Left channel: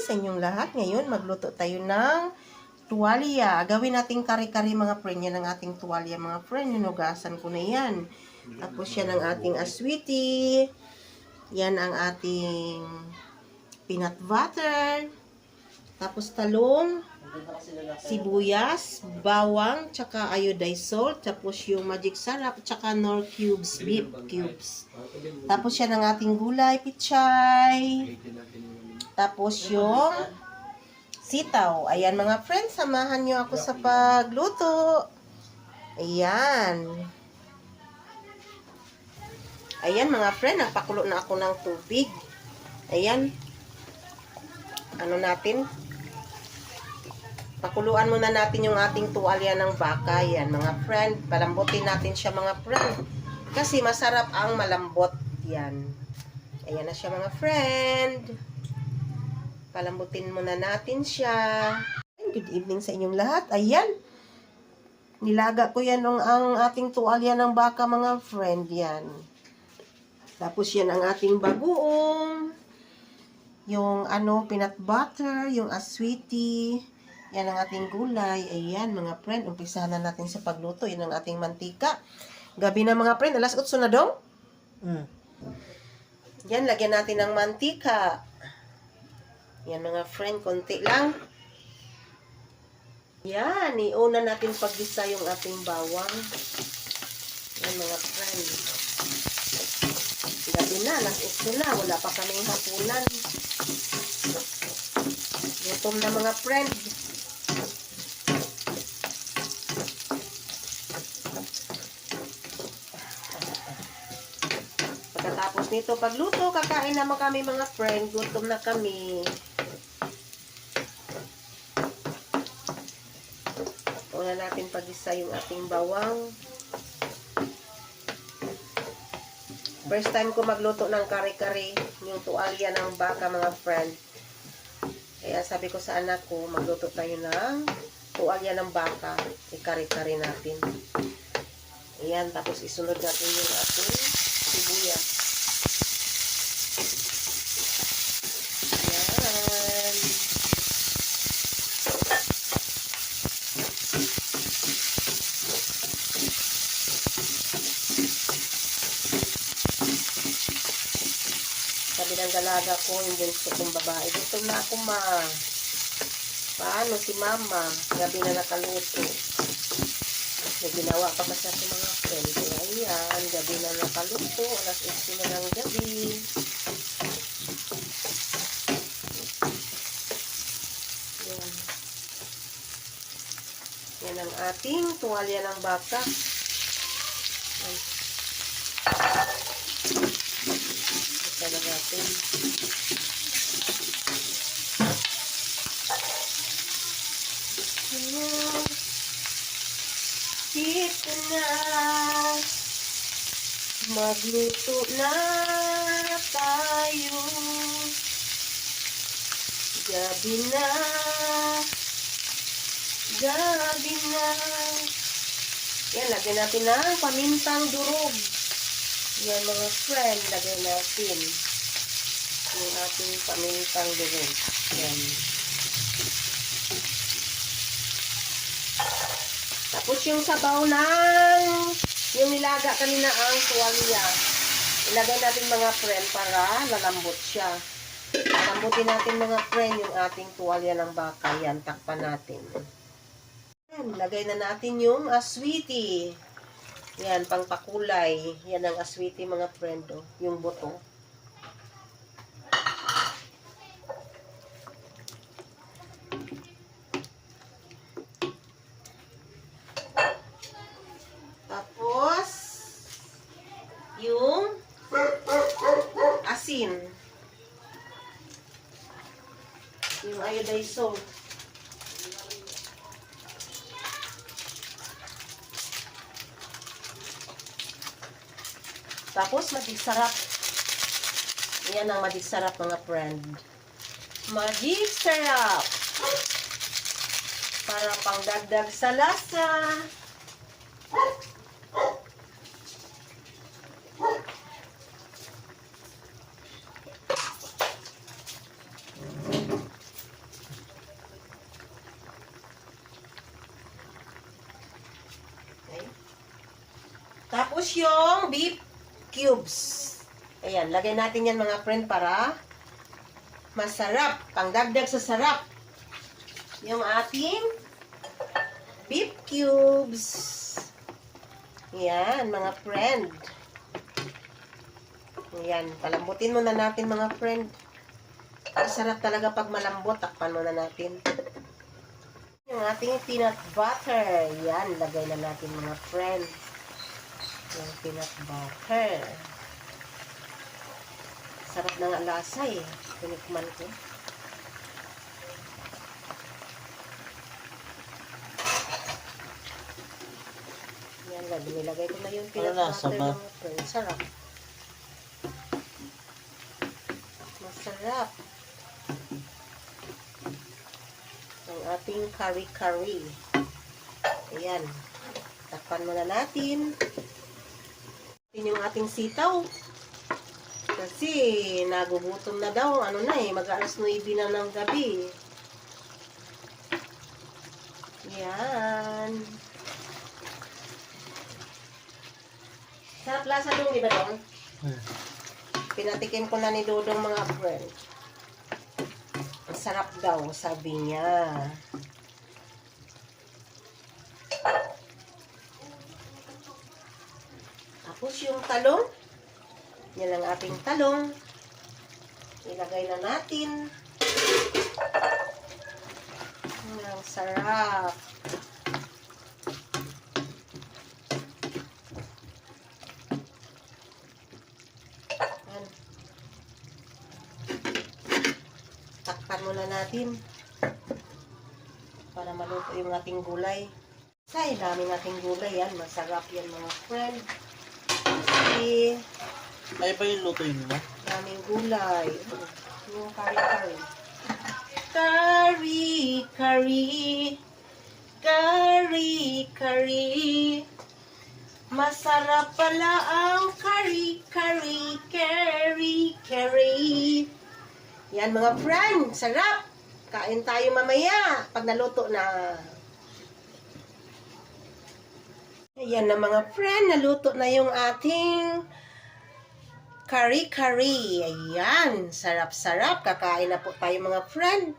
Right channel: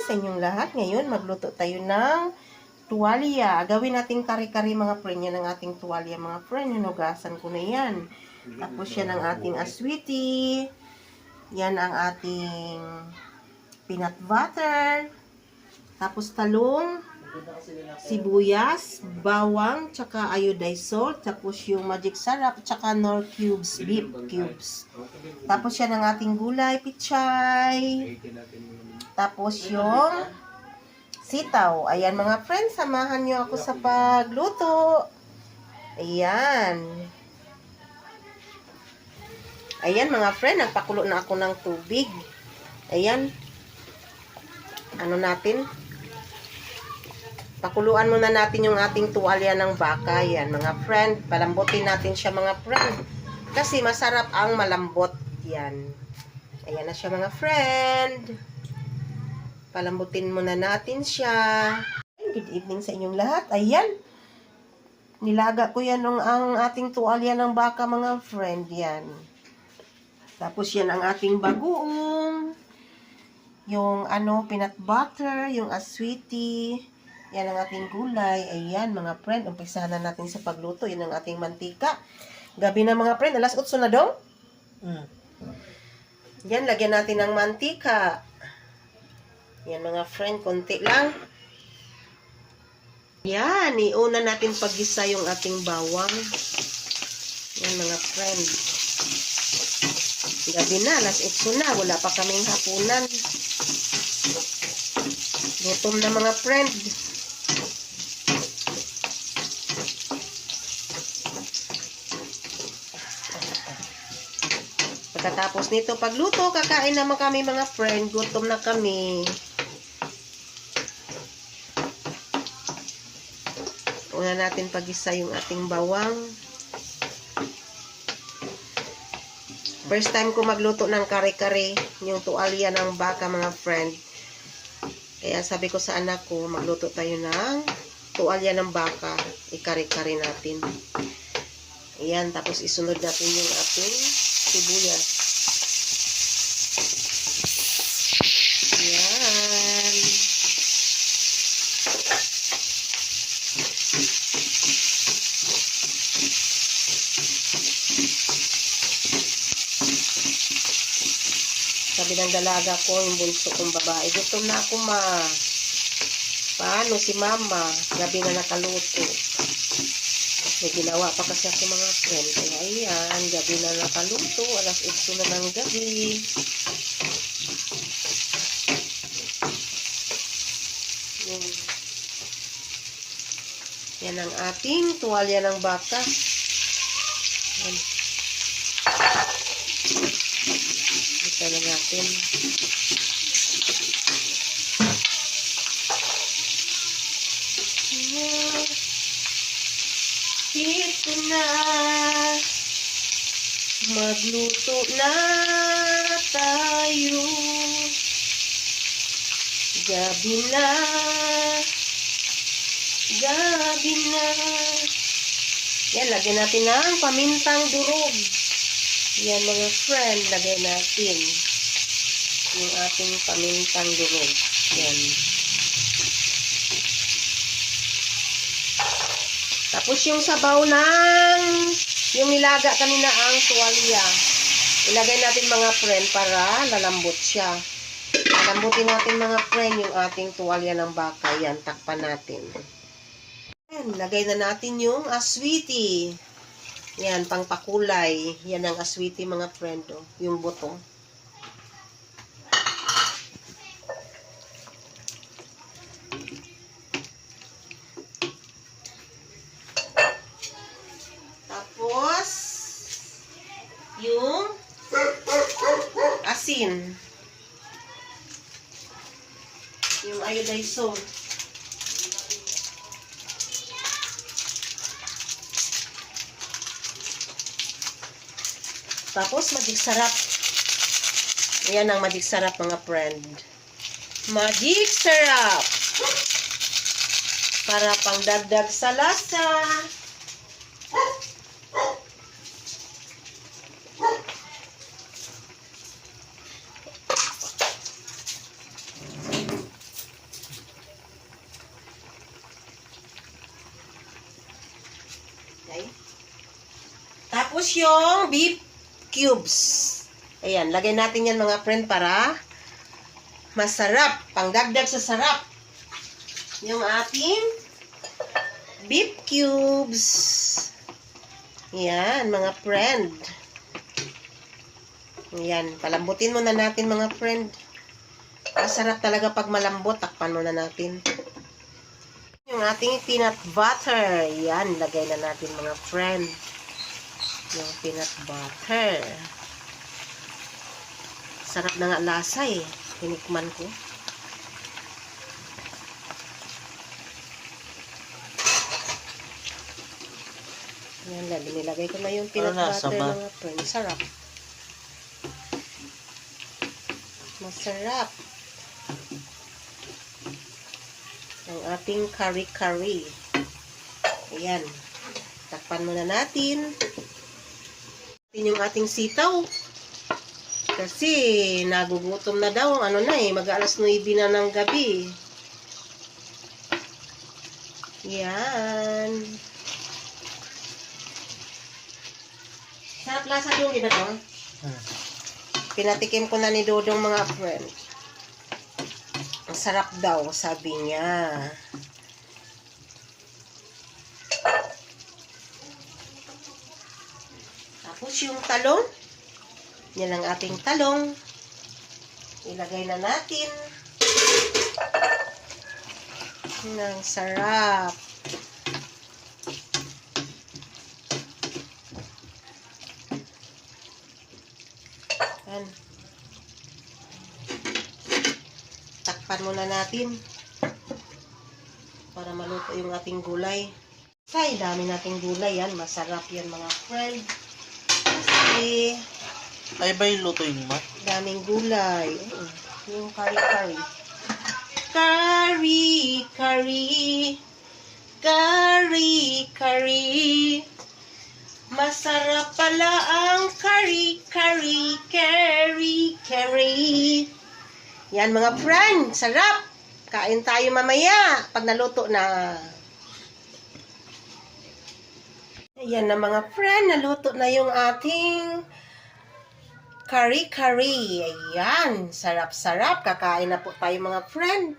sa inyong lahat. Ngayon, magluto tayo ng tuwalya. Gawin nating kari-kari mga friend. Yan ang ating tuwalya mga friend. Hinugasan ko na yan. Tapos yan ang ating aswiti. Yan ang ating peanut butter. Tapos talong, sibuyas, bawang, tsaka iodized salt, tapos yung magic sarap, tsaka nor cubes, beef cubes. Tapos yan ang ating gulay, pichay. Tapos yung sitaw. Ayan mga friends, samahan nyo ako sa pagluto. Ayan. Ayan mga friend, nagpakulo na ako ng tubig. Ayan. Ano natin? Pakuluan muna natin yung ating tuwalya ng baka. Yan, mga friend. Palambutin natin siya, mga friend. Kasi masarap ang malambot. Yan. Ayan na siya, mga friend. Palambutin muna natin siya. Good evening sa inyong lahat. Ayan. Nilaga ko yan ng ang ating tuwalya ng baka, mga friend. Yan. Tapos yan ang ating bagoong. Yung ano, peanut butter, yung aswiti. Yan ang ating gulay. Ayan, mga friend. Umpisahan na natin sa pagluto. Yan ang ating mantika. Gabi na mga friend. Alas 8 na dong. Mm. Yan, lagyan natin ng mantika. Yan mga friend, konti lang. Yan, iuna natin paggisa yung ating bawang. Yan mga friend. Gabi na, alas 8 na. Wala pa kaming hapunan. Gutom na mga friend. Pagkatapos nito pagluto, kakain naman kami mga friend. Gutom na kami. Una natin pag-isa yung ating bawang. First time ko magluto ng kare-kare, yung tuwalya ng baka mga friend. Kaya sabi ko sa anak ko, magluto tayo ng tuwalya ng baka. Ikare-kare natin. Ayan, tapos isunod natin yung ating sibuyas. Ayan. Sabi ng dalaga ko, yung bunso kong babae, gutom na ako ma. Paano si mama? Gabi na nakaluto. May ginawa pa kasi ako mga friend. Kaya ayan, gabi na nakaluto. Alas 8 na ng gabi. Yan. Yan ang ating tuwalya ng baka. Yan. Ito na natin. Yan. Ito na. Magluto na tayo. Gabi na. Gabi na. Yan, lagyan natin ng pamintang durog. Yan mga friend, lagay natin. Yung ating pamintang durog. Yan. Tapos yung sabaw ng yung nilaga kanina ang tuwalya. Ilagay natin mga friend para lalambot siya. Lambutin natin mga friend yung ating tuwalya ng baka. Yan, takpan natin. Yan, lagay na natin yung aswiti. Yan, pangpakulay. Yan ang aswiti mga friend. Oh. Yung buto. Tapos, yung asin. Yung iodized salt. Tapos, magic sarap. Ayan ang magic sarap, mga friend. Magic sarap! Para pang dagdag sa lasa. Tapos yung beef cubes. Ayan, lagay natin yan mga friend para masarap. Pangdagdag sa sarap. Yung ating beef cubes. Yan, mga friend. Yan, palambutin muna natin mga friend. Masarap talaga pag malambot. Takpan muna natin. Yung ating peanut butter. Yan, lagay na natin mga friend. Yung peanut butter. Sarap na nga lasa eh. Tinikman ko. Yan lang, nilagay ko na yung peanut Ano butter ba? mga friend. Sarap. Masarap. Ang ating kari-kari. Ayan. Takpan muna natin. Yung ating sitaw. Kasi nagugutom na daw. Ano na eh, mag-alas 9 na ng gabi. Yan. Sarap lasa yung iba dong. Hmm. Pinatikim ko na ni Dodong mga friend. Sarap daw, sabi niya. Yung talong. Yan ang ating talong. Ilagay na natin. Yan ang sarap. Yan. Takpan muna natin. Para maluto yung ating gulay. Say, dami nating gulay yan. Masarap yan mga friend. Ay ba yung lutuin mo? daming gulay. Yung kari-kari. Kari, kari. Kari, kari. Masarap pala ang kari, kari, kari, kari. Yan mga friend, sarap. Kain tayo mamaya pag naluto na. Ayan na mga friend, naluto na yung ating Kari-kari. Ayan. Sarap-sarap. Kakain na po tayo mga friend.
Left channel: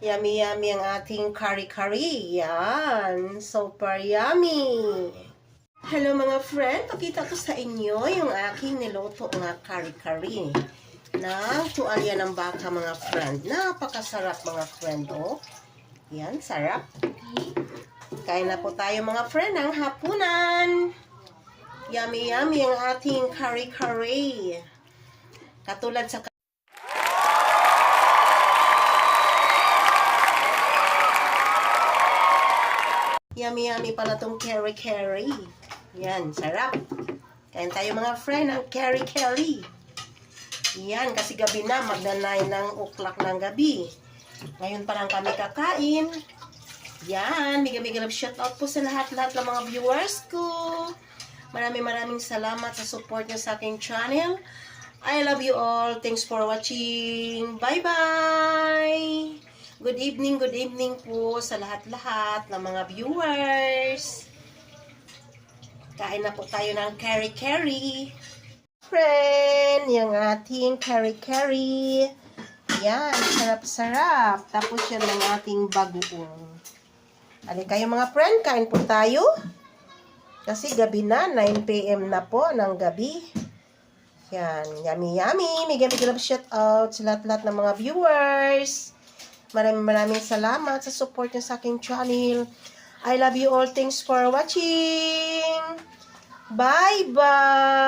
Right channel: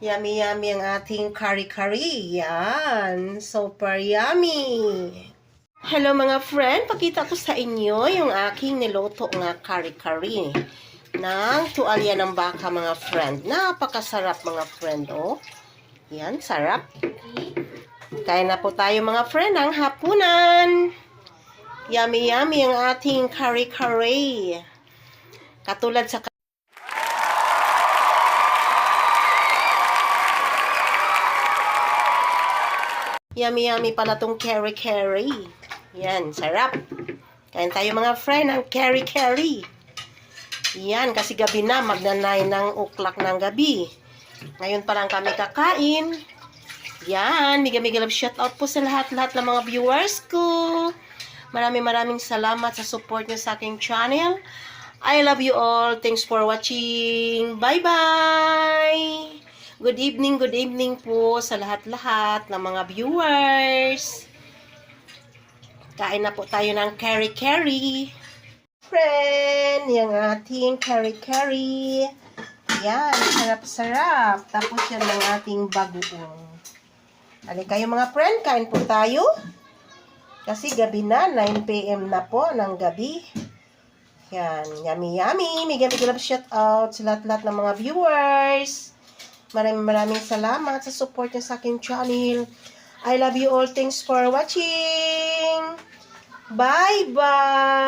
Yummy-yummy ang ating kari-kari. Yan. Super yummy. Hello mga friend. Pakita ko sa inyo yung aking niluto nga kari-kari. Ng tuwalya ng baka mga friend. Napakasarap mga friend. Oh. Yan. Sarap. Kain na po tayo mga friend ng hapunan. Yummy yummy ang ating kare-kare. Katulad sa Yummy yummy pala tong kare-kare. Yan, sarap. Kain tayo mga friend ng kare-kare. Yan, kasi gabi na, magnanay ng uklak ng gabi. Ngayon pa lang kami kakain. Yan, mega-mega love shout out po sa lahat-lahat ng mga viewers ko. Maraming maraming salamat sa support niyo sa aking channel. I love you all. Thanks for watching. Bye-bye! Good evening, good evening po sa lahat-lahat ng mga viewers. Kain na po tayo ng kari-kari. Friend, yung ating kari-kari. Yan, sarap-sarap. Tapos yan ng ating bagoong. Alin kayo mga friend, kain po tayo. Kasi gabi na, 9pm na po ng gabi. Yan, yummy yummy. Mega mega love shout out sa lahat-lahat ng mga viewers. Maraming maraming salamat sa support niyo sa aking channel. I love you all. Thanks for watching. Bye-bye.